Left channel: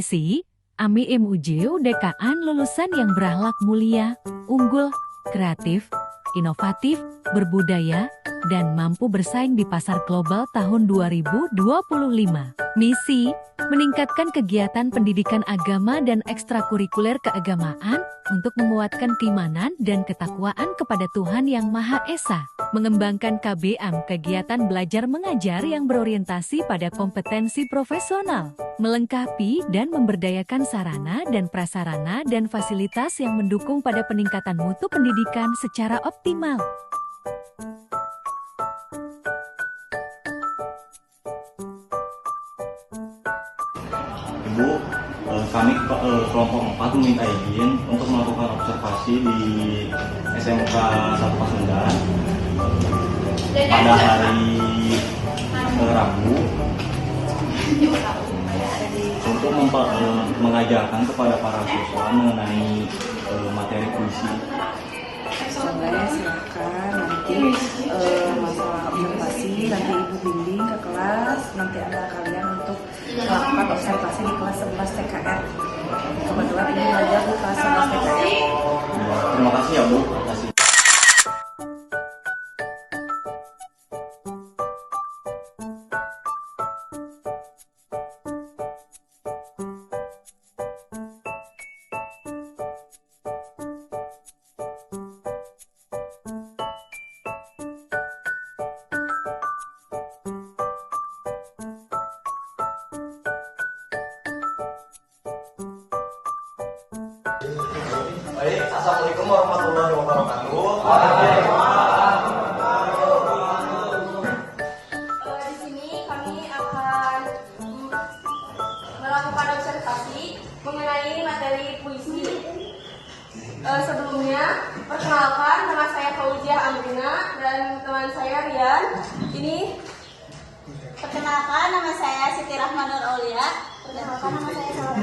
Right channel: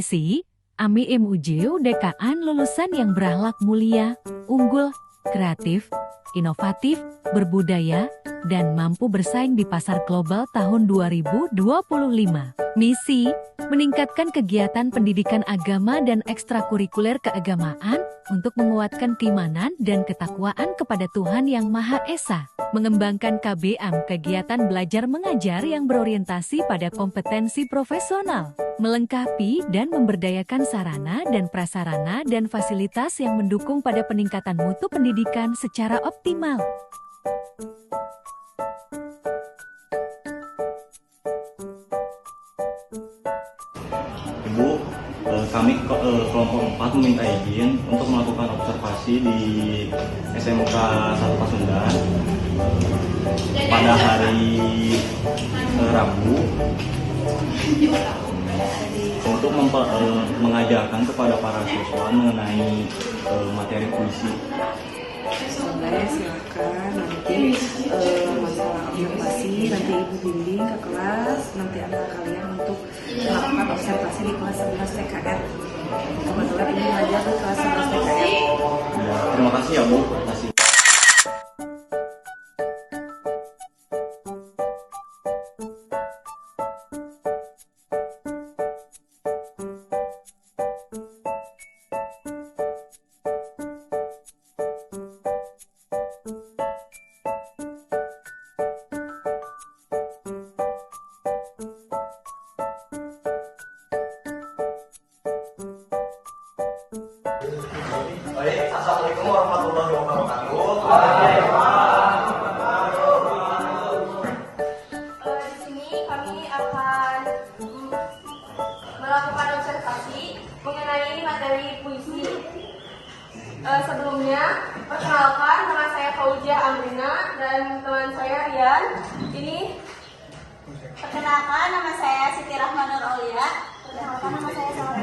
kompetisi, Ami Im UDKAN lulusan yang berakhlak mulia, unggul, kreatif, inovatif, berbudaya, dan mampu bersaing di pasar global tahun 2025. Misi, meningkatkan kegiatan pendidikan agama dan ekstrakurikuler keagamaan untuk menguatkan keimanan dan ketakwaan kepada Tuhan Yang Maha Esa. Mengembangkan KBM, kegiatan belajar mengajar yang berorientasi pada kompetensi profesional, melengkapi dan memberdayakan sarana dan prasarana dan fasilitas yang mendukung pada peningkatan mutu pendidikan secara optimal. Ibu, kami kelompok 4 meminta izin untuk melakukan observasi di SMK 1 Pasundan pada hari Rabu untuk mengajarkan kepada para siswa mengenai materi puisi. Boleh, silakan. Nanti masalah observasi nanti ibu bimbing ke kelas. Nanti ada kalian untuk melakukan observasi di kelas 11 TKR. Kebetulan ini belajar di kelas 11 TKR. Ya, terima kasih ya Bu. Terima kasih. Baik, assalamualaikum warahmatullahi wabarakatuh. Di sini kami akan melakukan observasi mengenai materi puisi. Sebelumnya, perkenalkan, nama saya Fauzia Amrina dan teman saya Rian. Ini Perkenalkan, nama saya Siti Rahmanur Aulia. Perkenalkan, nama saya Salma.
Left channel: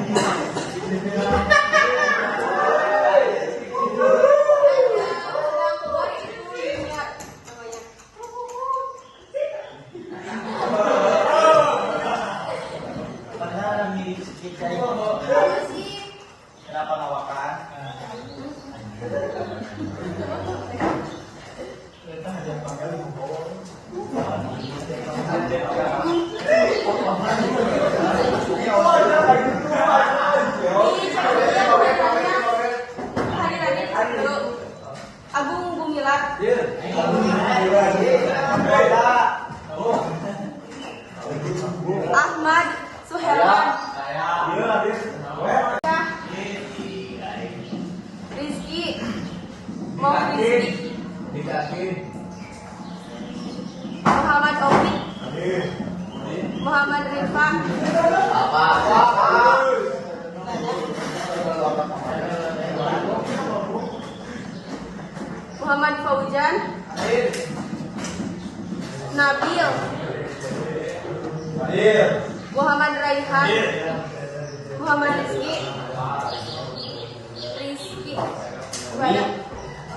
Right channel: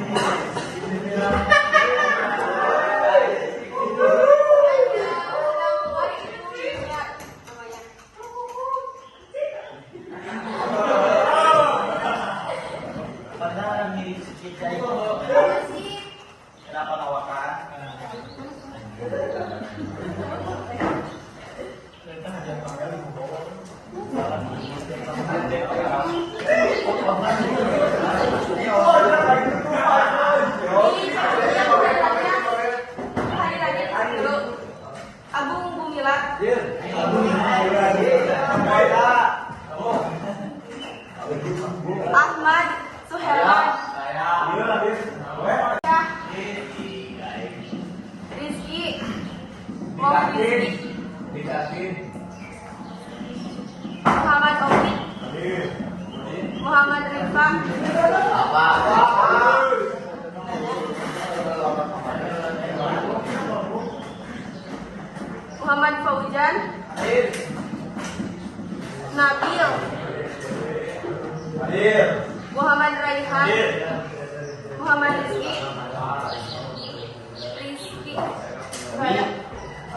Agung Gumilar, Ahmad Suherman, Rizky Muhammad Oki, Muhammad Rifa, Muhammad Fauzan, Nabil, Muhammad Raihan, Muhammad Rizky,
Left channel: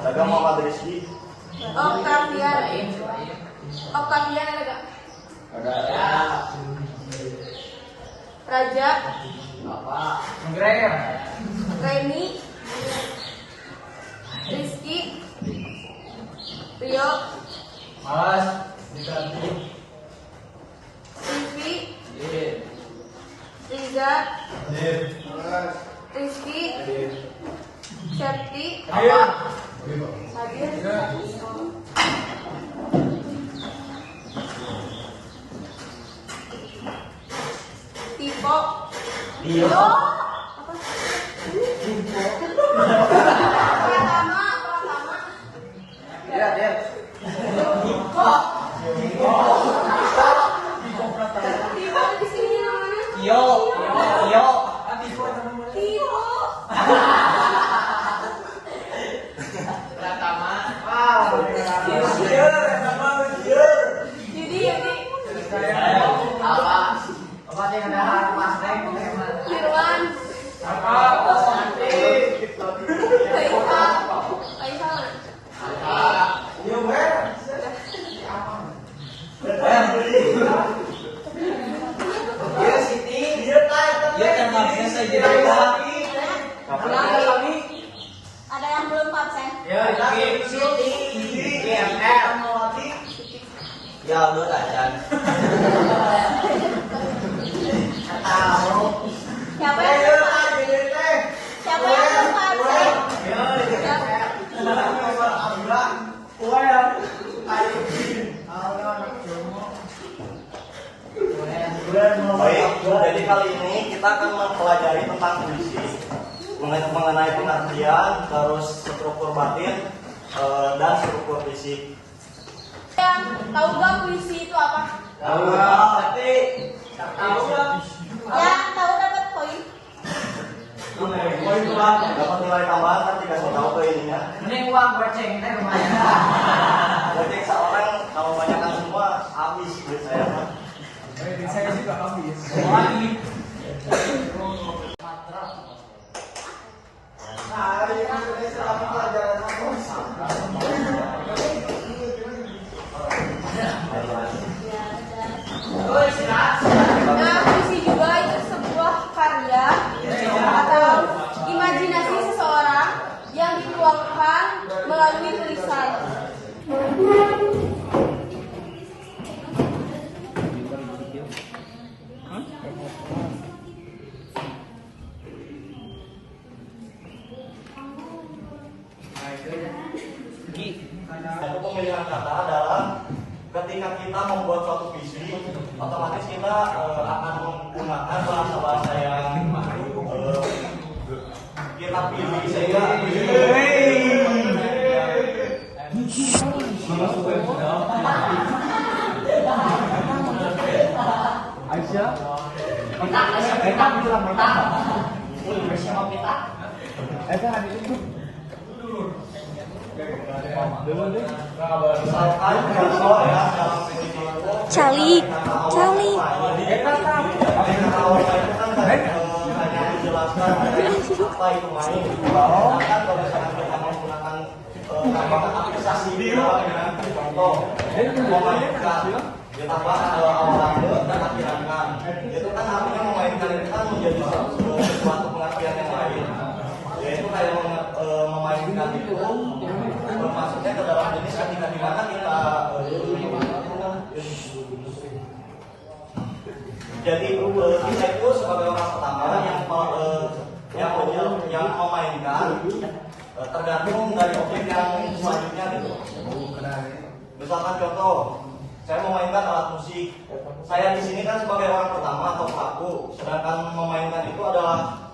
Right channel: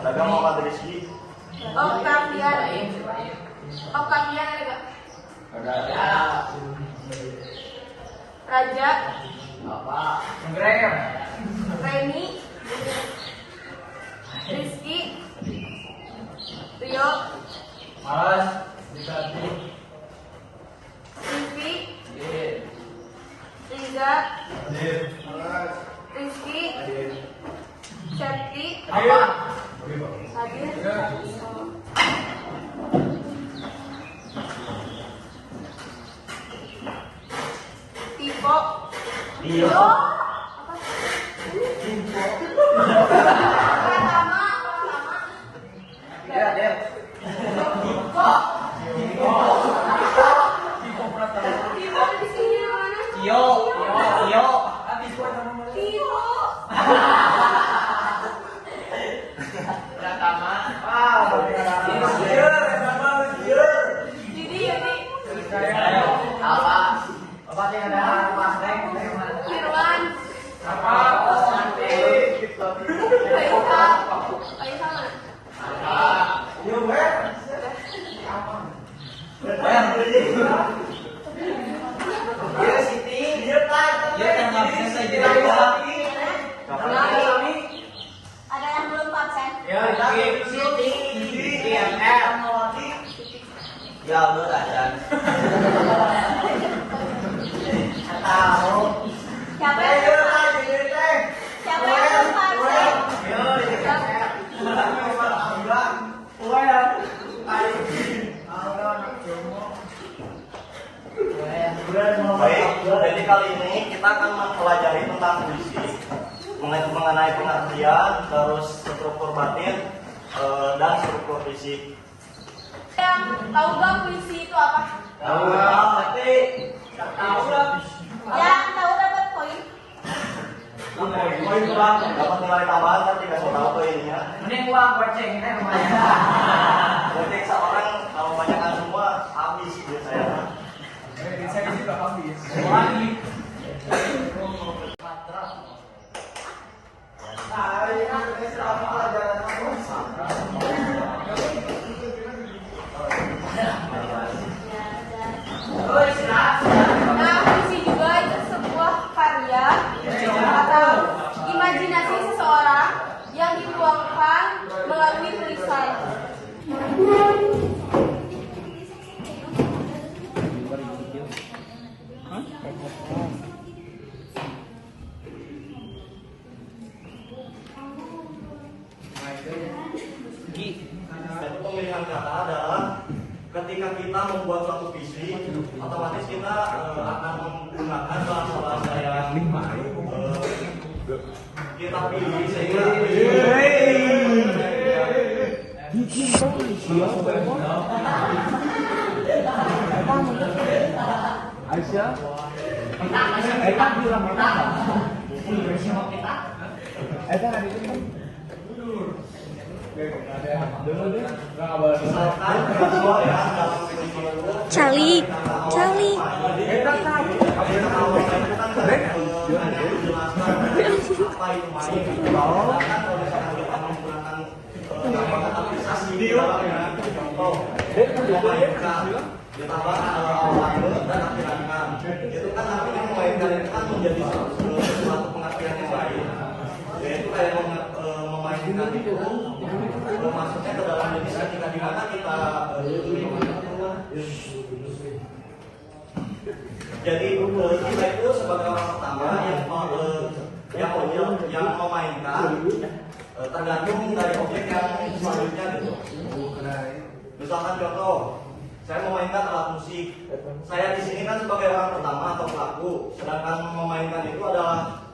Ada Muhammad Rizky. Octavian Raja, Reni, Rizky, Rio, Rizky, Riza, Rizky, Syafri, Hadir, Tiko, Tio, Kirwan, Dia yang Ada yang belum paten? Ya, berat. Siapa yang belum paten? Baik, jadi kali ini kita akan mempelajari tentang puisi mengenai pengertian, terus struktur batin dan struktur fisik. Yang tahu nggak puisi itu apa? Yang tahu dapat poin. Poin dapat nilai tambahan tapi kasih tahu poinnya. Berarti seorang kalau banyakkan semua habis duit saya. Nah, puisi juga itu sebuah karya atau imajinasi seseorang yang dituangkan melalui tulisan. Pemilihan kata adalah ketika kita membuat suatu puisi, otomatis kita akan menggunakan bahasa yang kita pilih sehingga Cali. itu kan artinya memainkan itu kan menjadi suatu pengertian yang lain, yaitu kayak memainkan itu maksudnya ke dalam jenis ketika dimana kita jadi kita itu sebagai orang pertama yang memainkan tergantung dari objek yang selanjutnya gitu. Misalkan contoh, saya memainkan alat musik. Saya di sini kan sebagai orang pertama atau pelaku, sedangkan memainkan itu adalah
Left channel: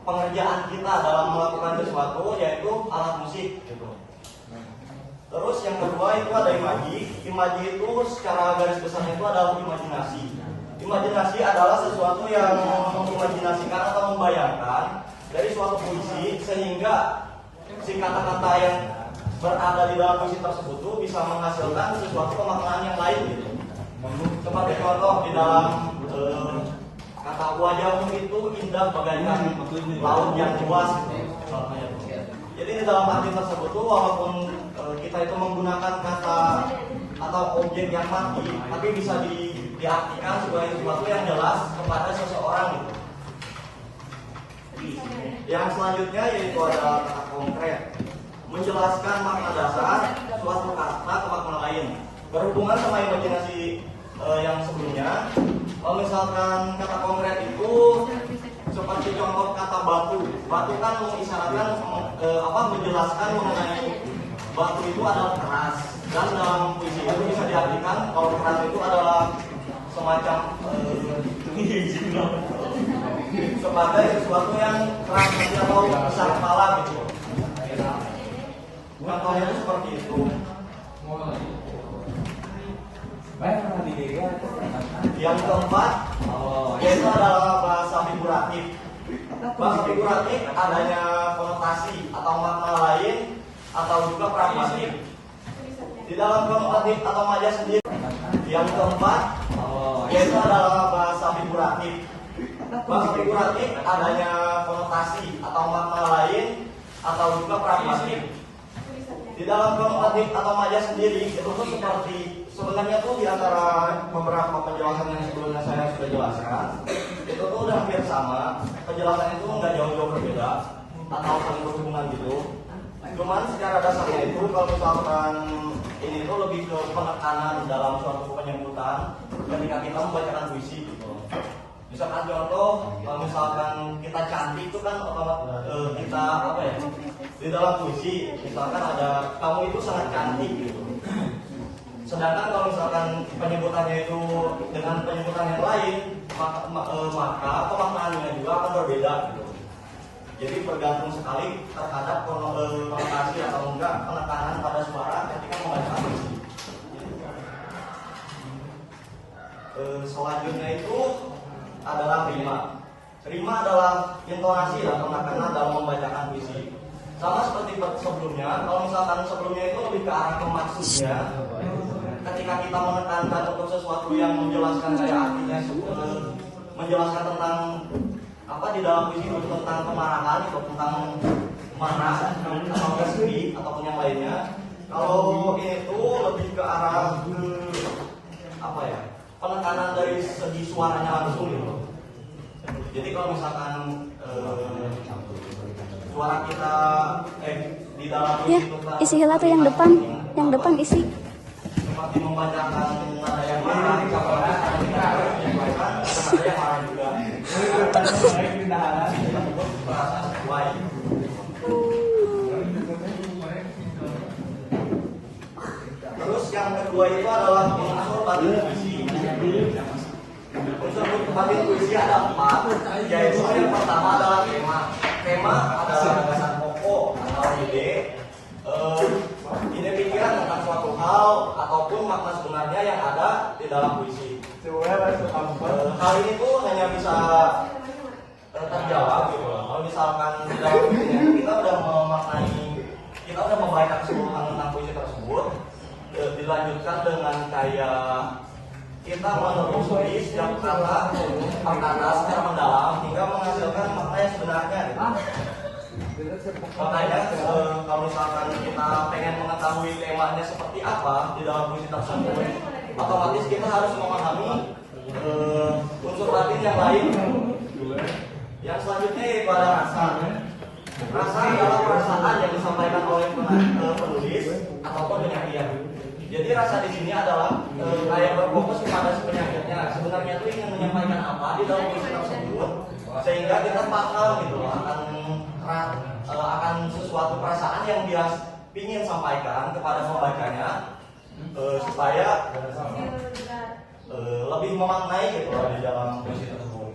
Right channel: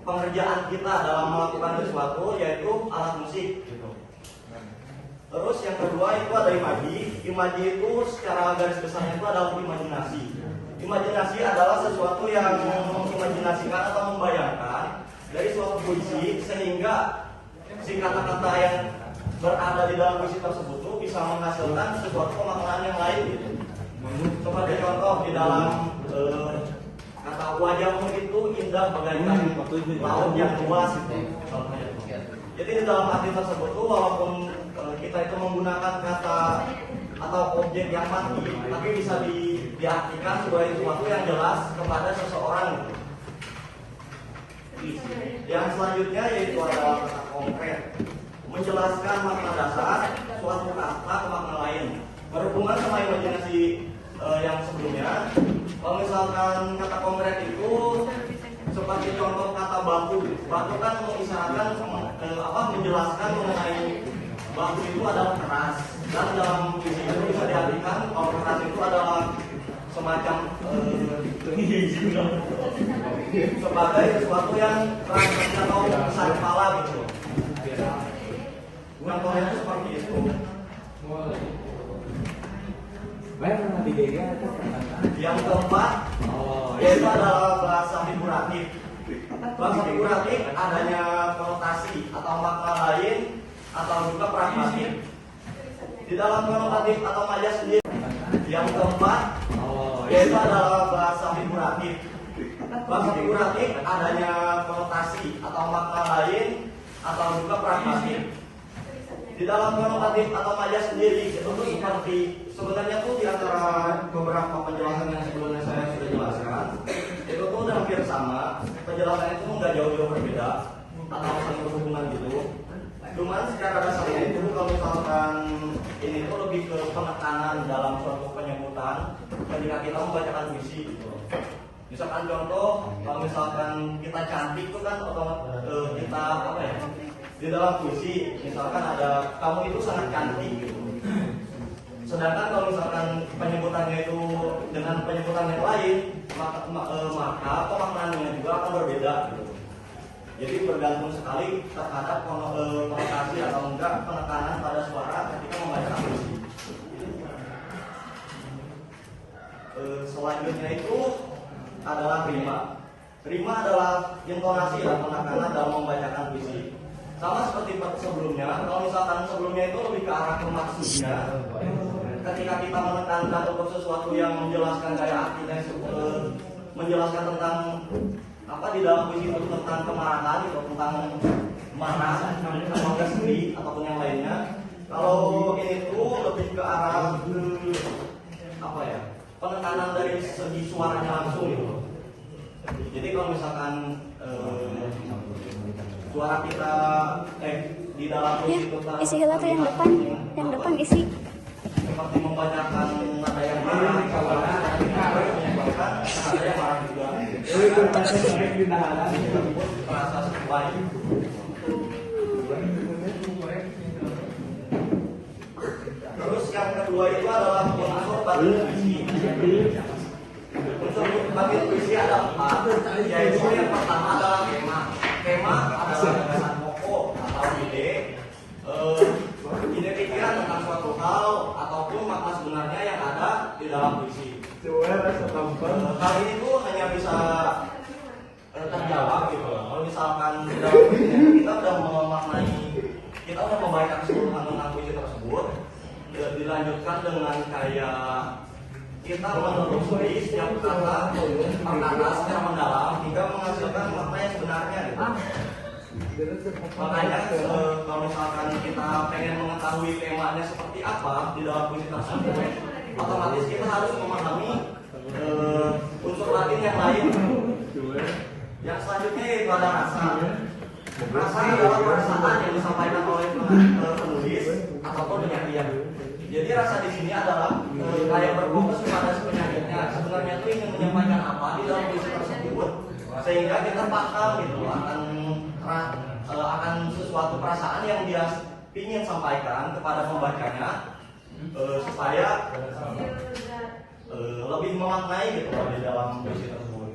pengerjaan kita dalam melakukan sesuatu, yaitu alat musik. Gitu. Terus yang kedua itu ada imaji. Imaji itu secara garis besarnya itu adalah imajinasi. Imajinasi adalah sesuatu yang mengimajinasikan atau membayangkan dari suatu puisi sehingga si kata-kata yang berada di dalam puisi tersebut itu bisa menghasilkan sesuatu pemaknaan yang lain gitu. Seperti contoh di dalam kata wajahmu itu indah bagaikan laut yang luas gitu. Jadi di dalam arti tersebut tuh walaupun kita itu menggunakan kata atau objek yang mati, tapi bisa diartikan sebagai sesuatu yang jelas kepada seseorang. Yang selanjutnya yaitu adalah kata konkret, menjelaskan makna dasar suatu kata ke makna lain. Berhubungan sama imajinasi yang sebelumnya, kalau misalkan kata konkret itu seperti contoh kata batu. Batu kan mengisyaratkan menjelaskan mengenai batu itu adalah keras, dan dalam puisi itu bisa diartikan kalau keras itu adalah semacam sebagai sesuatu yang keras atau besar kepala gitu. Contohnya seperti itu. Yang keempat yaitu adalah bahasa figuratif. Bahasa figuratif adanya konotasi atau makna lain atau juga pragmatik. Di dalam konotatif atau majaz sendiri. Yang keempat yaitu adalah bahasa figuratif. Bahasa figuratif adanya konotasi atau makna lain atau juga pragmatik. Di dalam konotatif atau majaz sendiri itu tuh seperti sebenarnya tuh di antara beberapa penjelasan yang sebelumnya saya sudah jelaskan, itu tuh hampir sama, penjelasannya itu nggak jauh-jauh berbeda, tak saling berhubungan gitu. Cuman secara dasarnya itu kalau misalkan ini itu lebih ke penekanan dalam suatu penyebutan ketika kita membacakan puisi gitu. Misalkan contoh, kalau misalkan kita cantik itu kan kita apa ya, di dalam puisi misalkan ada kamu itu sangat cantik gitu. Sedangkan kalau misalkan penyebutannya itu dengan penyebutan yang lain, maka pemaknaannya juga akan berbeda gitu. Jadi bergantung sekali terhadap konotasi atau enggak penekanan pada suara ketika membacakan puisi. Selanjutnya itu adalah rima. Rima adalah intonasi atau penekanan dalam membacakan puisi. Sama seperti sebelumnya, kalau misalkan sebelumnya itu lebih ke arah ke maksudnya. Ketika kita menekankan untuk sesuatu yang menjelaskan kayak artinya, menjelaskan tentang apa di dalam puisi itu tentang kemarahan atau tentang marah atau sedih ataupun yang lainnya. Kalau itu lebih ke arah apa ya, penekanan dari segi suaranya langsung gitu. Jadi kalau misalkan suara kita di dalam puisi itu Isi hela tuh yang depan isi. Membacakan ada yang marah, ada yang marah juga. Terus yang kedua itu adalah unsur batin puisi. Unsur batin puisi ada 4, yaitu yang pertama adalah tema. Tema adalah pokok atau ide. Ini pikiran tentang suatu hal ataupun makna sebenarnya yang ada di dalam puisi. Hal ini tuh hanya bisa terjawab gitu. Kalau misalkan di dalam puisi kita udah memaknai, kita udah membaca keseluruhan tentang puisi tersebut, dilanjutkan dengan kayak kita menulis setiap kata per kata secara mendalam hingga menghasilkan makna yang sebenarnya gitu. Makanya kalau misalkan kita pengen mengetahui temanya seperti apa di dalam puisi tersebut, otomatis kita harus memahami unsur latin yang lain. Yang selanjutnya yaitu ada rasa. Rasa adalah perasaan yang disampaikan oleh penulis ataupun penyair. Jadi rasa di sini adalah kayak berfokus kepada si penyairnya. Sebenarnya itu ingin menyampaikan apa di dalam puisi tersebut, sehingga kita paham itu akan sesuatu perasaan yang dia ingin sampaikan kepada pembacanya, supaya lebih memaknai gitu di dalam puisi tersebut.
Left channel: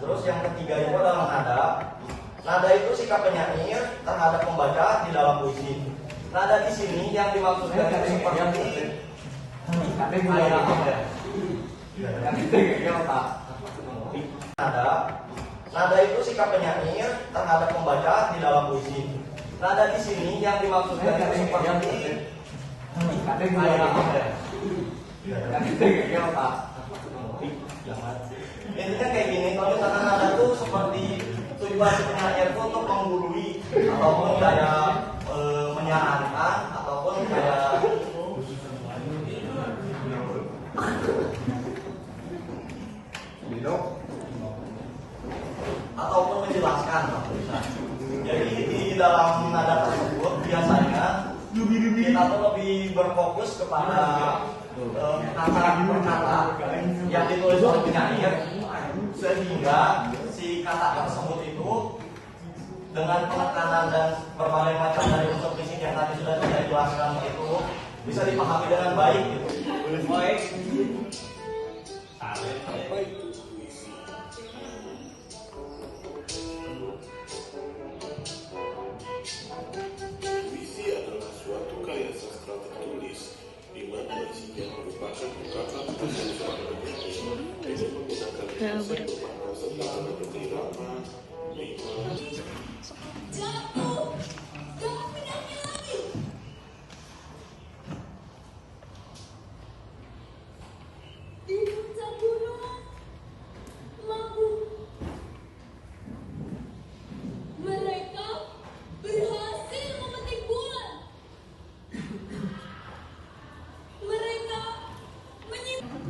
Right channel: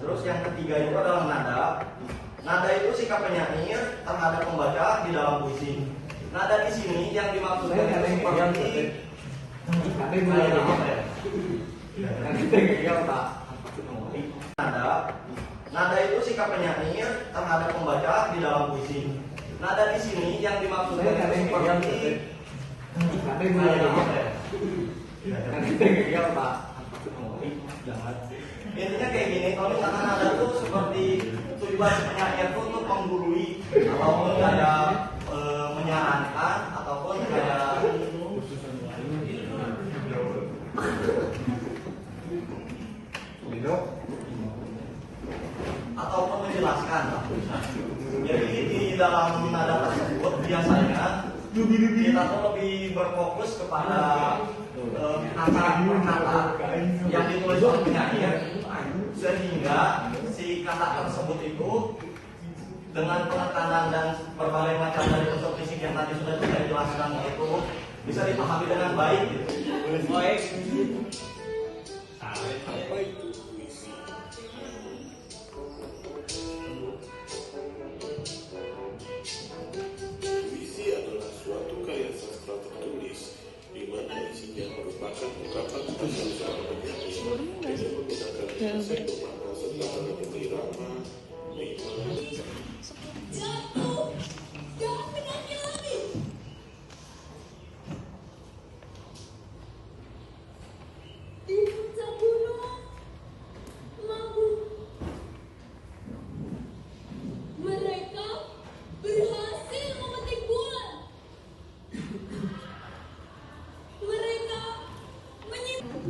Terus yang ketiga itu adalah nada. Nada itu sikap penyair terhadap pembaca di dalam puisi. Nada di sini yang dimaksudkan itu seperti nada itu sikap penyair terhadap pembaca di dalam puisi. Nada di sini yang dimaksudkan itu seperti intinya kayak gini, kalau misalkan nada itu seperti tujuan penyair itu untuk menggurui ataupun kayak menyarankan ataupun kayak ataupun menjelaskan. Jadi di dalam nada tersebut biasanya kita tuh lebih berfokus kepada kata per kata yang ditulis oleh penyair, sehingga si kata tersebut itu dengan penekanan dan berbagai macam dari unsur fisik yang tadi sudah saya jelaskan itu bisa dipahami dengan baik gitu. Baik. Puisi adalah suatu karya sastra tertulis di mana isinya merupakan ungkapan tentang seorang penyanyi dengan menggunakan bahasa bermakna serta seperti irama, rima. Jatuh, jangan menyanyi lagi. Di puncak gunung, mabuk. Mereka berhasil memetik bulan. Mereka menyimpan.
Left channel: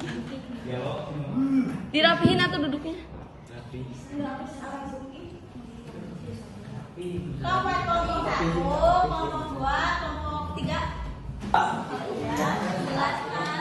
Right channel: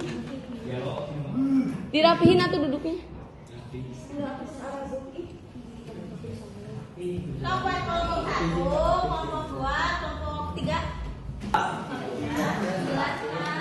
Dirapihin atau duduknya? Kelompok satu, kelompok dua, kelompok tiga. Jelaskan.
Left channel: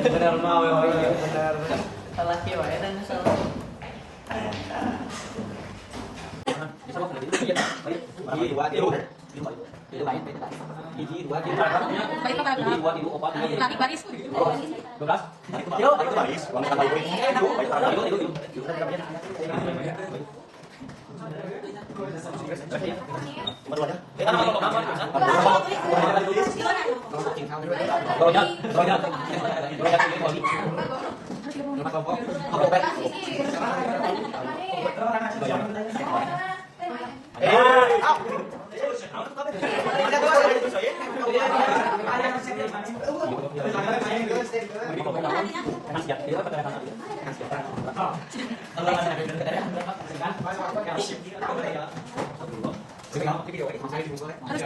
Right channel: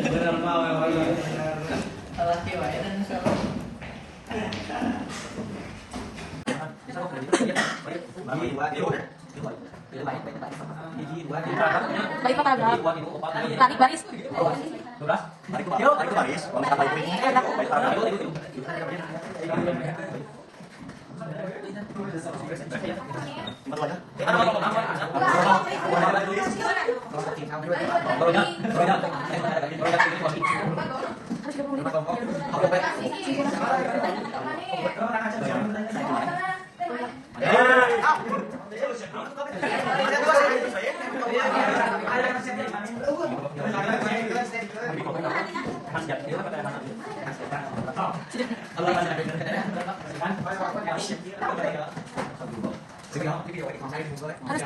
Benar mau benar. Salah kieu wae dan salah. Baik Pak Tarik baris.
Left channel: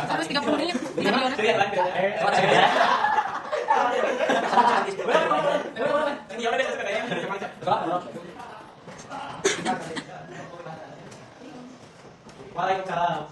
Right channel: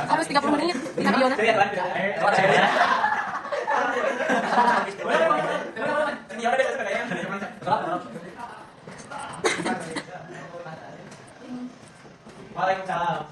Harus 30 menit di videonya. Waalaikumsalam.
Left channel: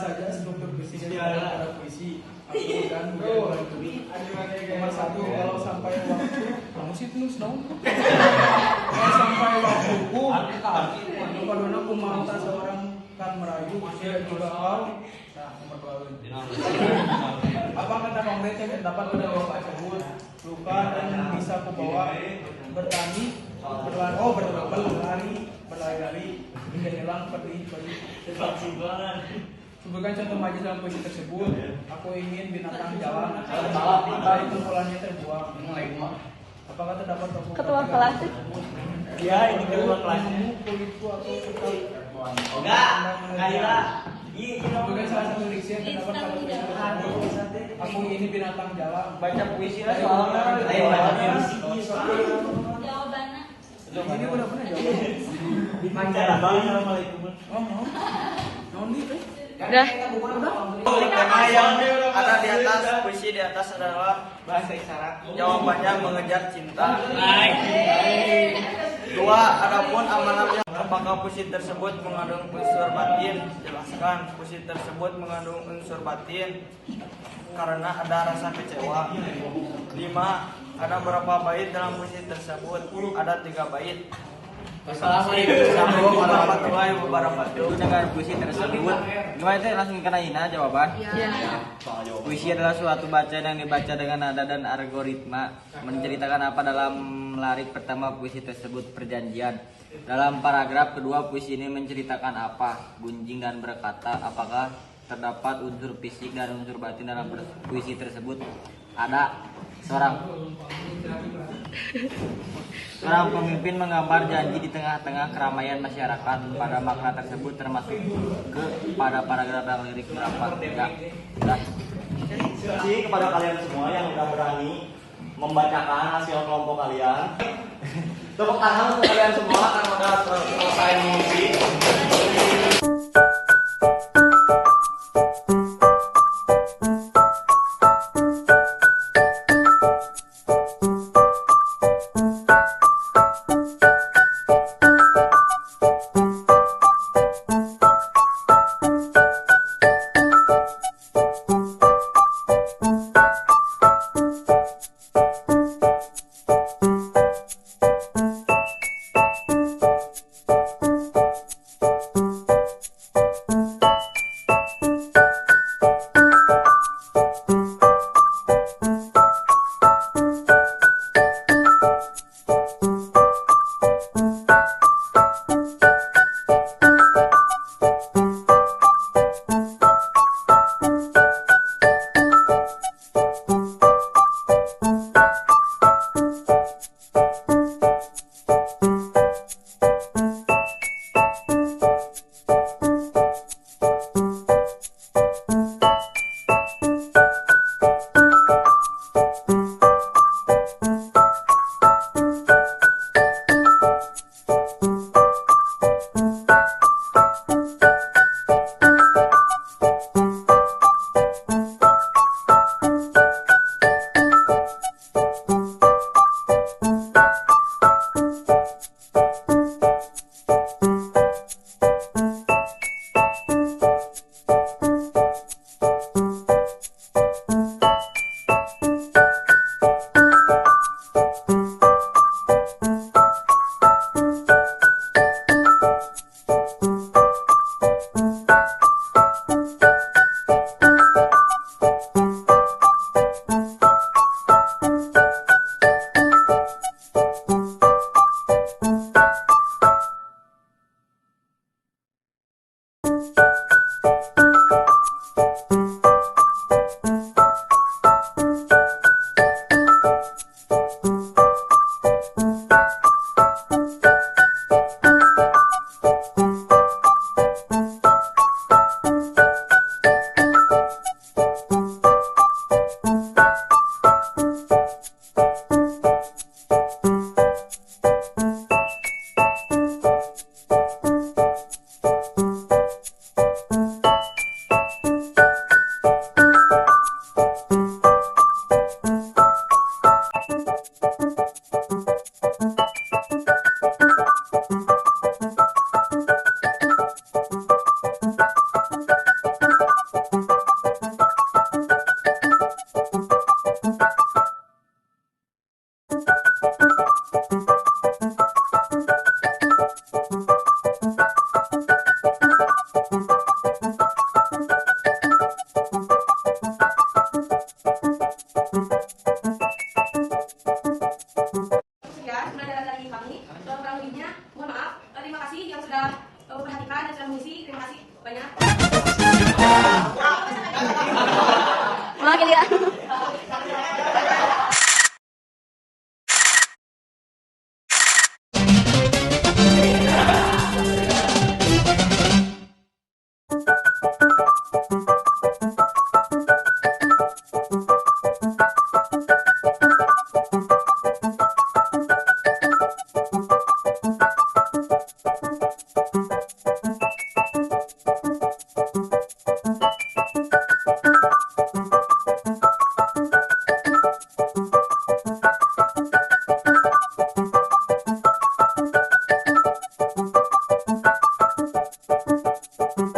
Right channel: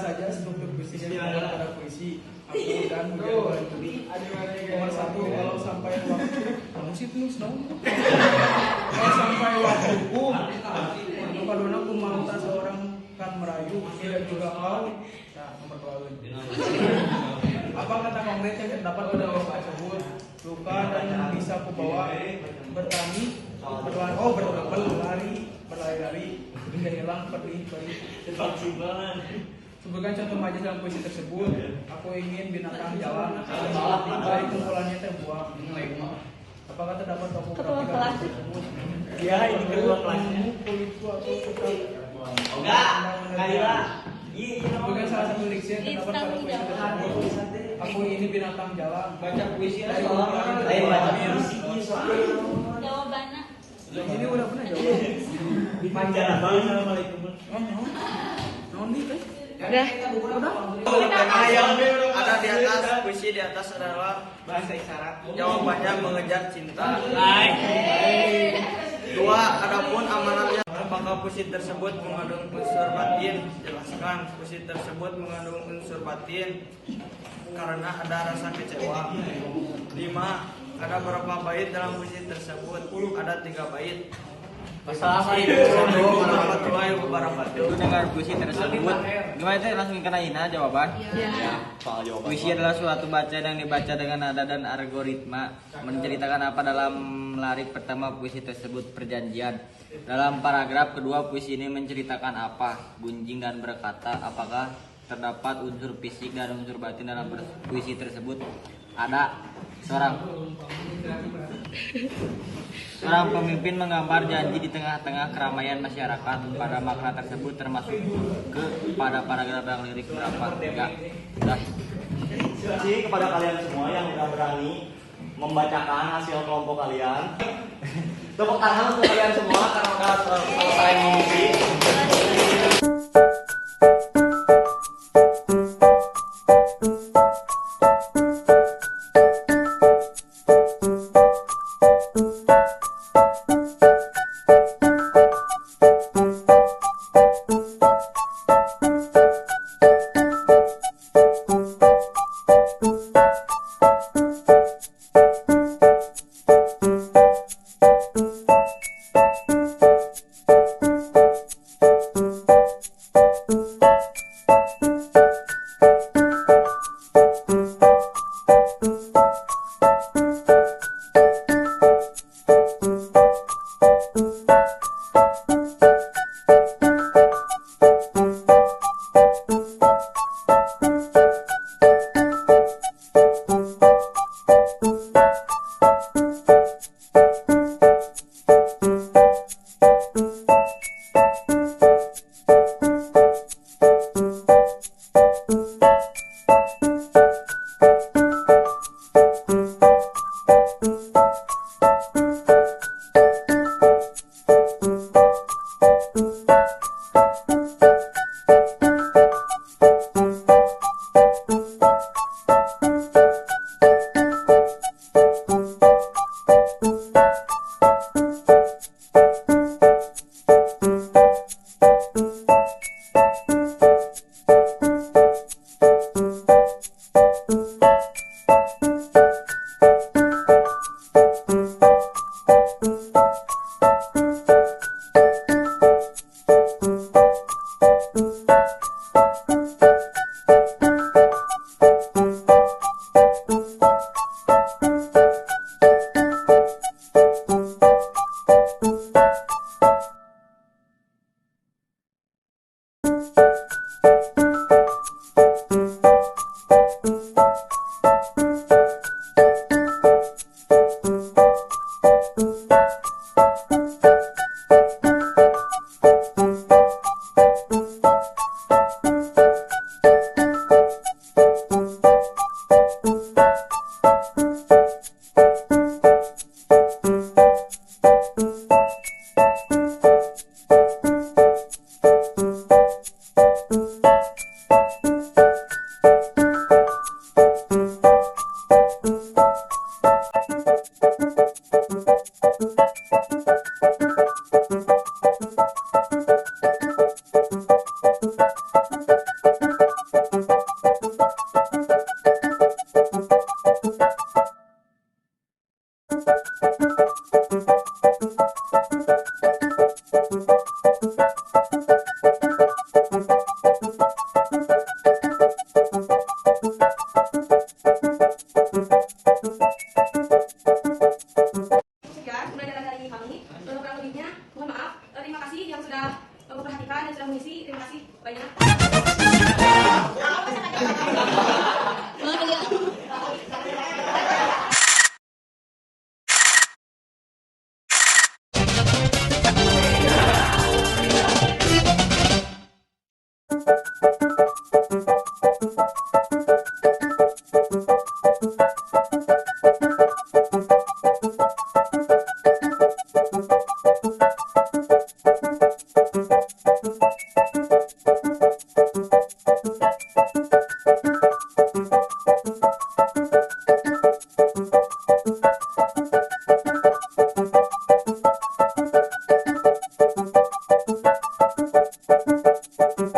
Saja struktur puisinya adalah puisi aku dan Hujan Juli. Nomor 1, kalau sampai waktu kamu sih terus dong. Kalau sampai waktuku, kalau aku mau tak seorang kan merayu tidak juga kau. Nah, nomor 2. Apa kata konkret yang dapat pada bapak sebut? Luka dan bisa ku bawa bertani, berlari-lari, hingga hilang perih seperti bulan. Sebutkan contoh majelis dalam puisi tersebut. Aku ingin binatang jalan, baik kumpulannya terbuang. Apakah terdapat tokoh Ketua kelas? Ya, yang ketua kelasnya. Kulitku atau tetap? Enggak, Sebutkan salah satu diksi yang terdapat pada puisi tersebut. Aku ini binatang jalan. Baca puisi lah. Jawabannya. Ini udah pernah jawab. Assalamualaikum. Udah. Tema yang ada di atas, puisi di atas adalah bahasa isyarat. Jawabannya mengejar cinta. 2, adapun amanatnya apakah puisi tersebut mengandung unsur batin? Jelaskan. Puisi tersebut mengandung unsur batin karena ada rasa kecewa. 5. Ada berapa bait dalam puisi tersebut? Ada 3 bait. Assalamualaikum warahmatullahi wabarakatuh. Dengar puisi tersebut, gimana itu langsung kena ina jawaban? Puisi adalah suatu bacaan yang dibaca dengan nada dan algoritma. Menceritakan apa dalam larik pertama puisi tersebut? Perjanjian. Dalam paragraf kedua puisi ini menceritakan apa? Gunjing dan berkata. Apakah terdapat unsur fisik dan unsur batin dalam puisi tersebut? Ada. Seorang pemimpin menggambar janji di tengah-tengah keramaian masyarakat. Pada makna tersebut termasuk pada paragraf yang lirik berapa? Tidak. Terima kasih kepada kalian semua yang sudah berani membacakan hasil kelompok kalian. Tepuk tangan untuk kalian semua karena sudah selesai mengisi. Thank you.